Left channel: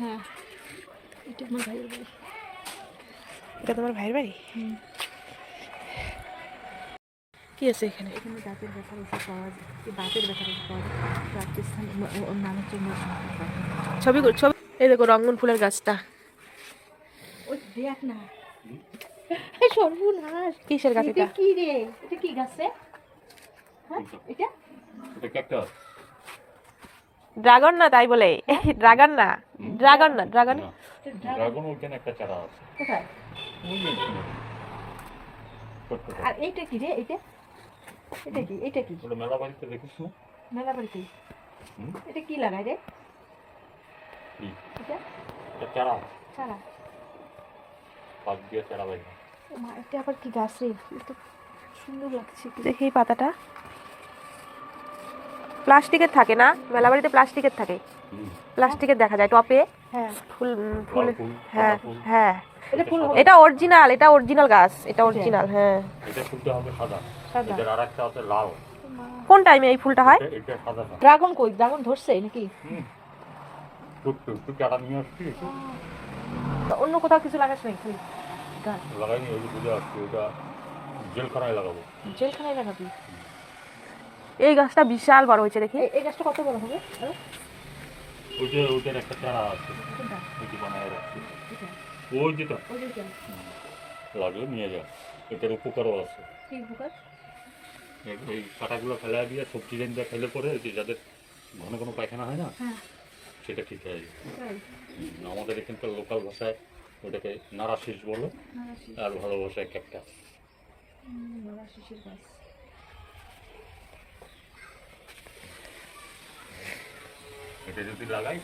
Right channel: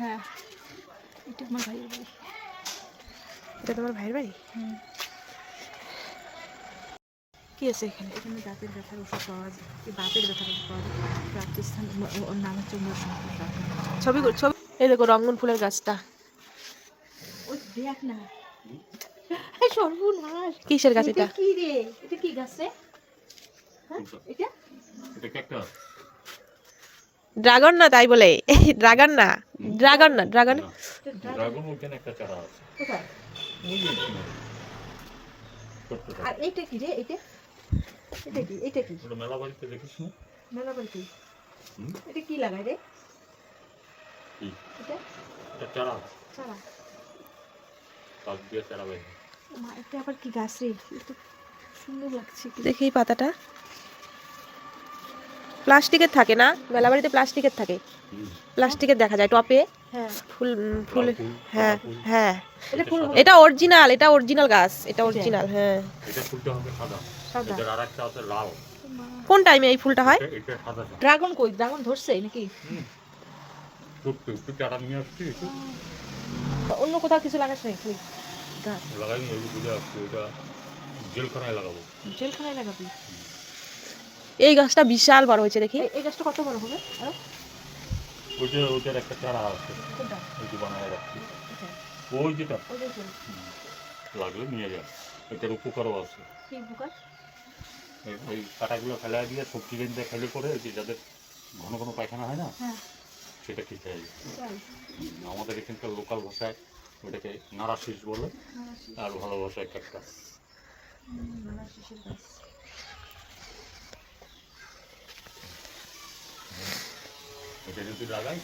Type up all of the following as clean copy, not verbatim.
হ্যাঁ, এটা আমার ভাইয়ের বাড়ি। এটা তোমার ভাইয়ের বাড়ি? কি আছে এখানে? এখানে দাঁতের ব্যথার ওষুধ পাওয়া যায়, দাঁতের ব্যথার ওষুধ পাওয়া যায়। রাজস্থান, ওর নাম হচ্ছে ছবি এই দেখো রঙ্গন ফুলের গাছটা। ওই দেখ না, সর্বনাশ। কিসের গাছ এটা? কি রে, এটা কি গাছ রে? হ্যাঁ, এটা ক্যাকটাস। ড্রাগন না, তাই বলে। ড্রাগন না, ড্রাগন না, ড্রাগন। ড্রাগন ওইখানে একটা চারা আছে। কোথায়? ওই যে এখানে। আর এইটা কি রে? এটা এটা কি? ওটা মেলা বাড়িতে দেখিস না? মেলা বাড়িতে। হুম? এটা কি লাগায় রে? কি? এটা এটা চারা। চারা। পাক দিয়ে চারা বাইরে। মা, এটা আবার কি গাছ রে? এটা সুন্দর লাগছে। দেখি এই পাতাটা। প্লাস্টিকের থাকে না, মেলা বাড়িতে প্লাস্টিকের থাকে। প্লাস্টিকের দেখা যায় টপে। হ্যাঁ, ফুল ফুল। লাল ফুল, হ্যাঁ সাদা ফুল। হ্যাঁ, এটা ফুল হবে। এটা অরিজিনাল, এটা অরিজিনাল গাছ, এটা অরিজিনাল। হ্যাঁ, এটা ফুলটা হবে সাদা। সাদা। এটার আরেকটা আছে লাল। কোন টাইমে এই ফুলটা হয়? এটা সাদা। ড্রাগন কই? ড্রাগন ধরছে নাকি? একটু চারা নিয়ে আসছি একটু অন্য কোথাও কিছু লাগাস নাই তুই? গাছ লাগাইনি, ওই যে বুঝে আসছি ওটা জেলখানায় লাগাবো। জেলখানায় লাগাবি? এই গাছটা বিশাল বড় হয়েছে দেখি। এই গাছটা কত বড় হবে? হ্যাঁ? ওইটার একটা চারা আছে, কোনটা? ওই যে বানায় রাখছি। এটা? ওই যেটা ওই যে এটা। লাগলে নিয়ে যায়, এটার উপকারও আছে। কি পোকা? এই কাঁটাগুলো ফেলা দিয়ে সবজি রেঞ্জে ফেলে করে ওই যে যাদের ঘন ঘন পায়খানা হয় না, হ্যাঁ, সেটা খেতে হয়। তাই। আমাদের এখানকার লোকাল ভাষায় ওটাকে নাড়া শীষ বলে, নারাশি। আর ভালো ভাষায় ক্যাকটাস। নারাশিসের গাছ। এটা যদি লাগাই,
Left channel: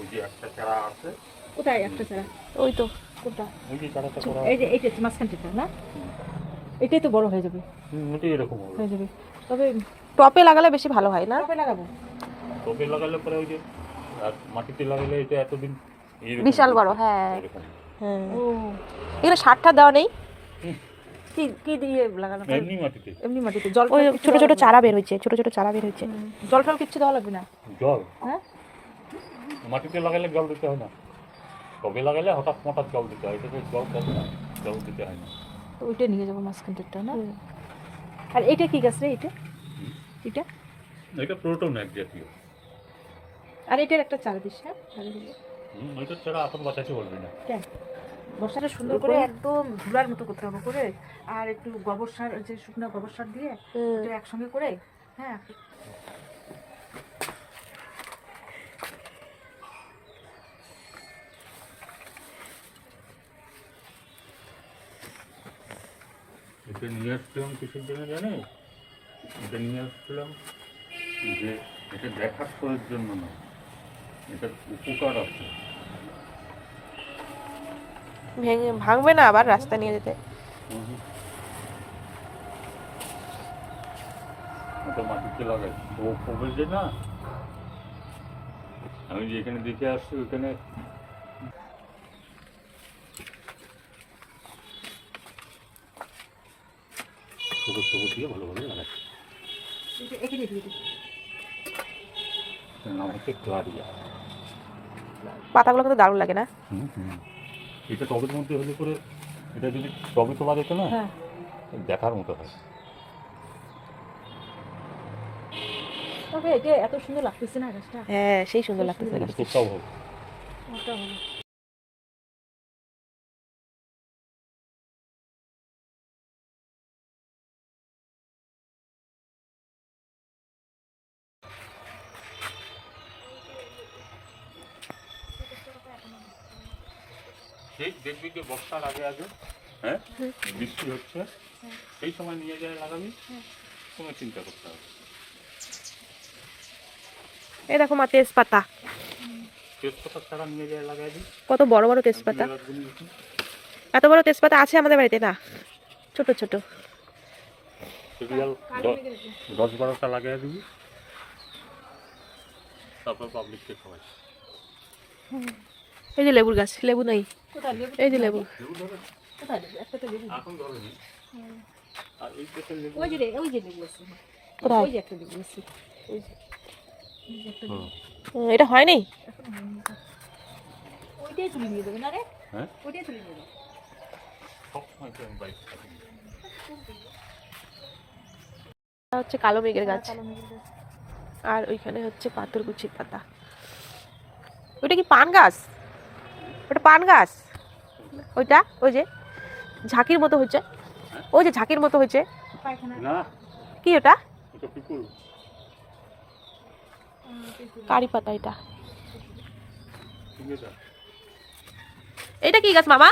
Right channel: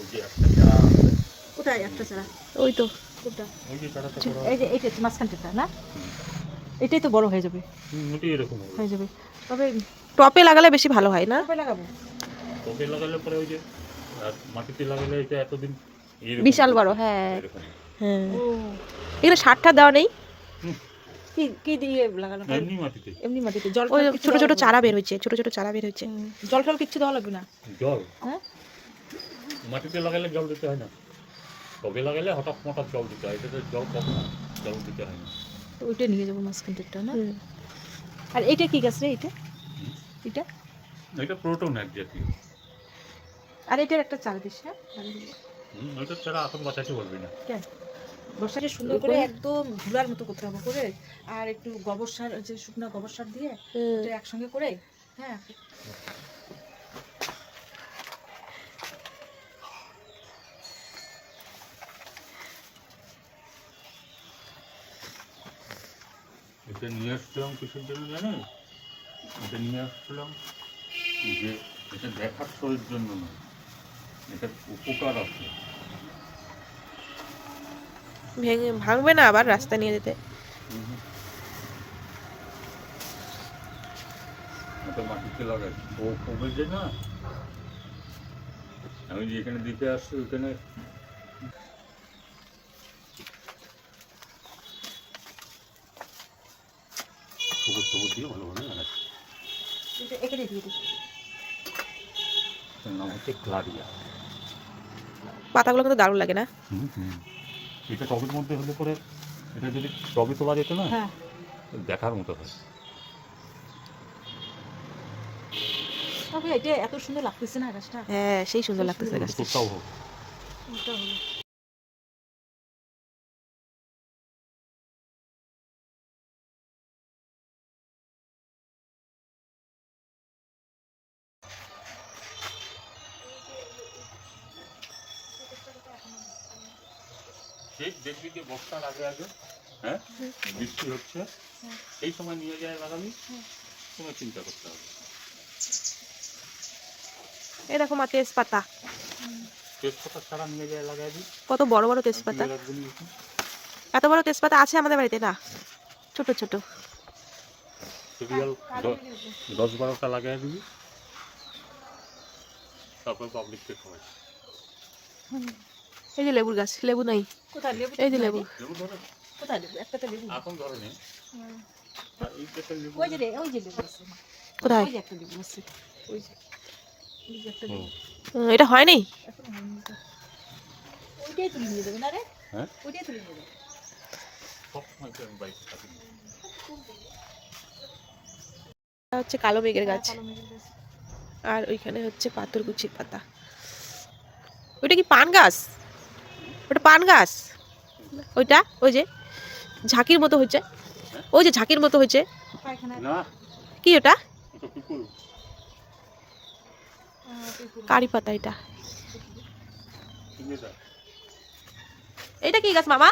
ওই যে একটা চারা আছে, কোথায় একটা চারা? ওই তো। কোনটা? ওই যে চারাটা করা এই যে এইটা মাঝখানটা না? এটাই তো বড় হয়ে যাবে। এটাই এরকম হবে। হয়ে যাবে। তবে টপে লাগালে বেশি ভালো হয় না? কবে লাগাবো? টবে লাগালে পরে ওই যে, আর মাটিতে লাগালে এটা এতদিন এইরকম বিশাল বড়, করবে, হ্যাঁ। এরকম। হ্যাঁ, ও, এখানে সারটা দেওয়া নেই? কি কি দিয়ে লাগানো? এমনি মাটিতে এমনি মাটিতে জল ওই টল কিছু ছোট দেওয়া ছোট লাগবে না? চারা বের হচ্ছে, ছোট ছোট চারা বের হচ্ছে। জল টল কিচ্ছু দেওয়া লাগবে না? জল, হ্যাঁ, মাটিতে লাগালে জল দিতে হয় না, টবে লাগালে হঠাৎ হঠাৎ জল দিতে হয়, এটাতে জল কম না, জল দিতে হয় না। তো ওইটা নিয়ে যাবো মাঝখানটা না? হুম। আর এটা কি গাছ রে? এটা এটা এটা প্রোটোন এক জাতীয়। আর এটার একটা চারা দিস। হ্যাঁ, ওইটা ছাড়া এখন বাঁচাতে পারবি না। কেন? বর্ষাটা সুন্দর করে একদম ধুলার মতো করতে হবে করে, আর একটু গোবর সার, যে শুকনো গোবর সার দিয়ে ওটা একসঙ্গে করে। হ্যাঁ, এটা নিয়ে আসছিলাম কিসের জন্য জানো? এটা নিয়ে আসছিলাম যে এটা দেখার শোয়ের জন্য না, এটার উপকার আছে। ভেঙে ভাঙবে না আবার রাস্তা নিয়ে যেতে? এটা মাটিতে লাগাই ও কবে যে না, আমি যে এখানে দেখে আসছি ওইখানে গোবর টোবর দিয়ে ভালোভাবে লাগাচ্ছি। এখানে দিয়ে দিস। এটার নাম হচ্ছে ক্লারিয়া। পাতাগুলো কিন্তু দারুণ লাগে না? এটা টবের মধ্যে হলে করে, এটা যদি টবে তোলা যেত না, হ্যাঁ, দেখার মতো হয়। তবে এটা এত সুন্দর লাগতেছে না গাছটা? হ্যাঁ, সেই সুন্দর লাগতেছে এটা গাছটা। তোরটাও হবে। ওটা হলো। সেই দেখবি যে বর্ষার আগে আগে, হ্যাঁ, বৃষ্টি হচ্ছে, এই সময় নিয়ে যায় লাগাবি, কোনো চিন্তা করতে হবে। এই দেখো মা, তেজপাতা। তেজপাতা ছাড়া নিয়ে যায় লাগাই দিই। কত বড় বড় তেজপাতা। এত বড় তেজপাতা আছে আমাদের বাড়িতে না, ছোট ছোট। সিরিয়াল 10-12টা লাগাই দিবি, তারপর পাবলিককে খাওয়াই। এই যে লেবুর গাছ, লেবু নাই। কোথায় লেবু? এই যে লেবু। লেবু ধরে কোথায় লেবু? একটা তো লেবু। এখন ধরেনি, আর এই পেটের লেবু ওই যে লেবু আছে। কোথায়? ওই যে একটা লেবু আছে। ওই যে এই যে একটা হুম। এটা হয়নি? এখন হয়নি তো। ওইটাই তুলে নিয়ে দেবে না রে? হ্যাঁ ওইটাই তুলে নিয়ে দেবে। সব সময় তো আমি বাইক থাকি এটা হচ্ছে কালো মেঘের গাছ, কালো মেঘের গাছ। আর ওইখানে হচ্ছে পাথরকুচির পাতা। ওইটা কি পান গাছ? ওটা পান গাছ? ওইটা ওই যে ঝাঁকির মতো হচ্ছে, ওই যে ঝাঁকির মতো হচ্ছে, পায়খানা। না কি ওটা? এটা পিকুল কারি পাতা এটা। কিনে যা এটা কি গাছ মামা?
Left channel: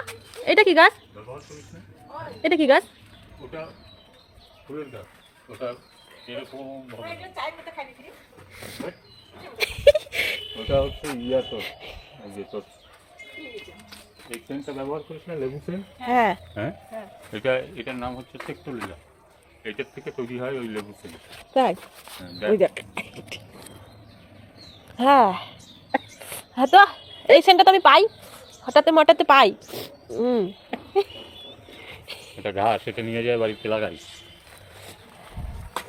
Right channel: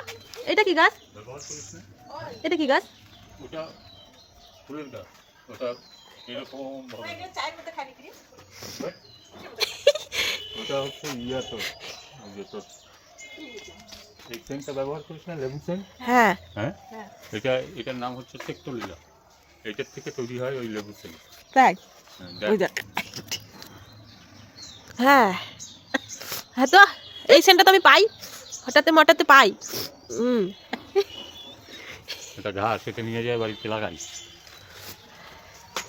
এটা কি গাছ? ব্যবহার করিস না এটা কি গাছ? ওটা ফুলের গাছ ওটা এরকম ভাবে এগুলো চায়ের মধ্যে খাই নাকি রে? ওটা হচ্ছে ইয়া তোর ওই যে তোর এই সেন্টটা ব্যবহার করিস না লেবু সেন্ট হ্যাঁ হ্যাঁ হ্যাঁ। এটার নাম হচ্ছে সেক্টোলিলা এটার থেকে তৈরি হয় ওই লেবু সেন্ট তাই? হ্যাঁ ওই দেখ। হ্যাঁ হ্যাঁ, তো এই সেন্টটা তো আমি পাই, হঠাৎ মঠাতে পাই। এটা ঘাস এটা নিয়ে যায় বাড়িতে লাগাই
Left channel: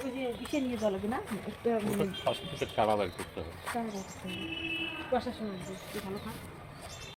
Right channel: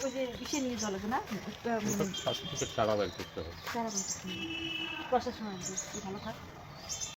ওই যে ইসে নিয়ে যাওয়া লাগবে না? একটা ওটা ফার্স্ট থেকে চারা বের করতে হবে চারা গাছ। বর্ষার সময় আসবে, ভালো থাক।